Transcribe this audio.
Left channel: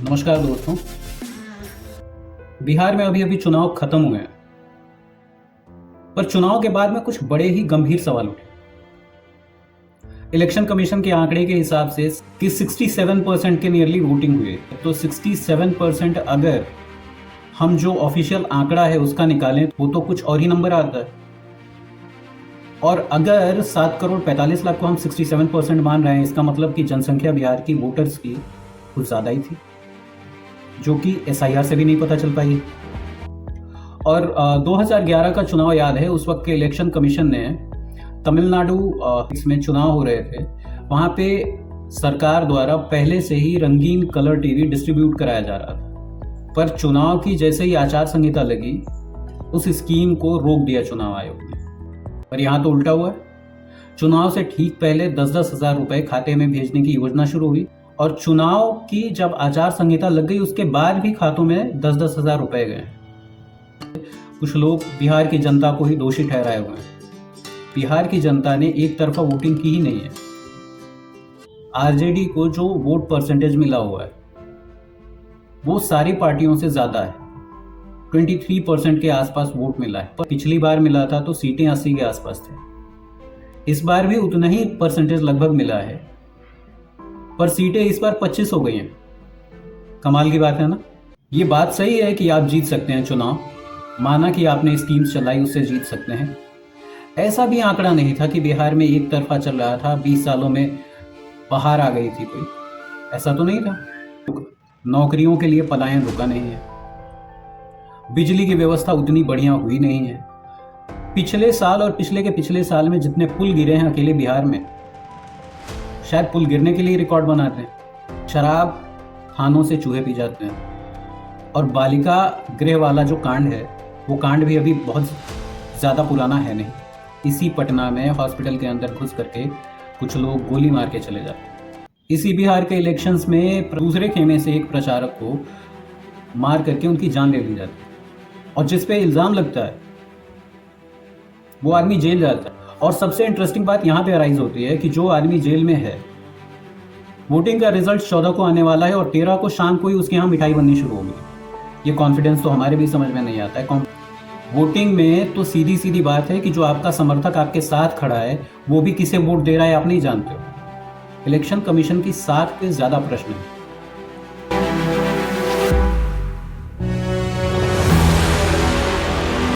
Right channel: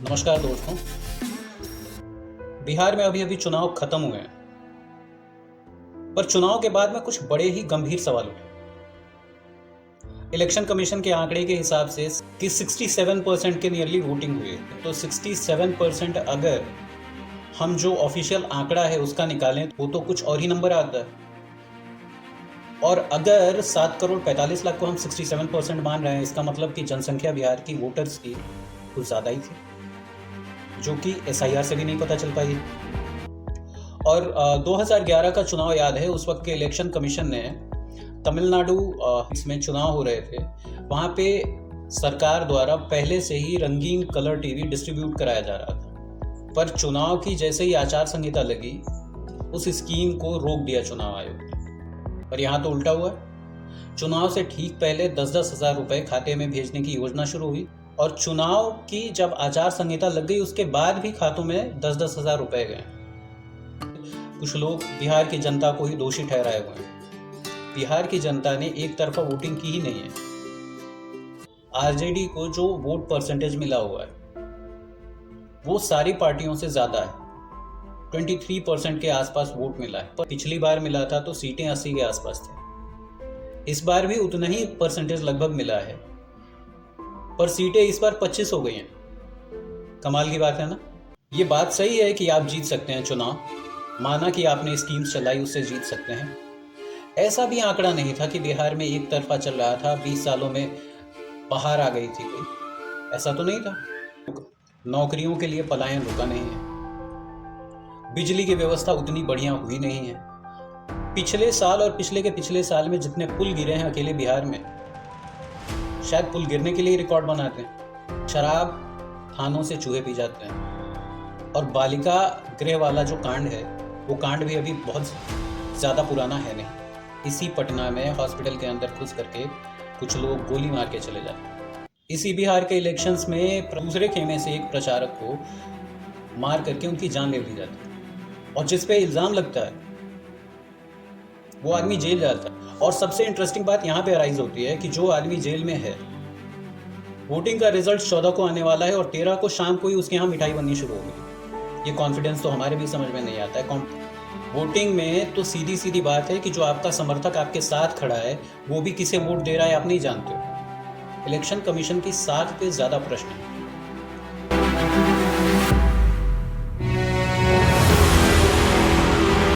नमस्कार दोस्तों। बिहार में अभी अभी चुनाव खत्म हुए हैं, पर चुनाव के बाद में कुछ बड़े ही गंभीर सवाल उठे। इलेक्शन कमीशन के आंकड़े के हिसाब से कि 67% के नियरली वोटिंग हुई है, तो 67% अगर हम जो ऑफिशियल आंकड़ा है उसका निकालें वो तो कुछ और ही नंबर आता है। और अगर 7,45,00,000 को हम 67% मान रहे हैं, इसका मतलब कि जनसंख्या बिहार की वोटर्स की कुछ ज़्यादा ही थी, जो कि एसआईआर से भी नहीं पता चल पाई। और 2011 का चुनाव याद है, उस वक्त के इलेक्शन कमीशन ने तमिलनाडु इसमें चुनाव हो रहे थे, वहाँ पे सरकार द्वारा पहले से ही रंगीन कलर टीवी डिस्ट्रीब्यूट कराया जा रहा था, पर चुनाव की जैसे ही आचार संहिता लगी उस स्कीम को रोक दिया चुनाव आयोग ने। पर यहाँ तो उल्टा हुआ। चुनाव से ठीक पहले 10-10 हज़ार रुपए खाते में भेजने की योजना शुरू हुई, और चुनाव की जब आचार संहिता लग गई उसके बाद भी खातों में 10-10 हज़ार रुपए गए। कुछ लोग बिहार की जनता को ही दोषी ठहराए हुए हैं। बिहार की जनता ने एक तरफा वोटिंग की ही नहीं है। आरजेडी को जो वोट परसेंटेज मिला हुआ है वो सारी पार्टियों से ज्यादा है। 23% के आसपास वोट मिला है, पर पिछली बार मिला था तो सीटें 80 के आसपास थे। इस बार भी उतना ही परसेंटेज लगभग मिला है, पर सीटें इस बार 25 हो गई हैं। कमाल की बात है ना। ये बात सही है कि आप जीत सकते हैं चुनाव, माना कि आपने स्कीम्स चलाई उससे जीत सकते हैं। ऐसा भी आंकड़ा नहीं था कि बिहार में एक तरफा चल रहा था, 20 सालों में बाहर आ गई थी कोई, ऐसा तो नहीं था। नौकरियों के लिए पलायन रुका नहीं है, बिजली की व्यवस्था उतनी बढ़िया हुई नहीं है। पिछले साल और पिछले के पिछले साल में जितने पुल गिरे हैं अकेले बिहार में, शायद पुल गिरने के लिए रिकॉर्ड बनाते हैं। शराब थानों से चूहे पी जाते हैं, और बालिका गृह वाला जो कांड है वो कांड भी अभी बहुत ज़्यादा पुराना है नहीं। इसी पटना में हॉस्पिटल के अंदर घुस करके कुछ लोग गोली मार के चले जाते हैं। इसी बिहार के इलेक्शंस में दूसरे खेमे से एक प्रचारक को मार करके उनकी जान ले ली जाती है, और जिस पे इल्ज़ाम लगता है वो आदमी जेल जाता है। और सबसे इंटरेस्टिंग बात यहाँ पे अराइज होती है कि जो आदमी जेल में है, वोटिंग का रिजल्ट 14 को आने वाला है और 13 को शाम को ही उसके यहाँ मिठाई बननी शुरू होगी। ये कॉन्फिडेंस तो हमारे भी समझ में नहीं आता है। वोटिंग में तो सीधी सीधी बात है कि जो आपका समर्थक आपके साथ खड़ा है वो भी किसे वोट दे रहा है आप नहीं जानते हो। इलेक्शन कमीशन की 60 पे ज़्यादा प्रश्न है।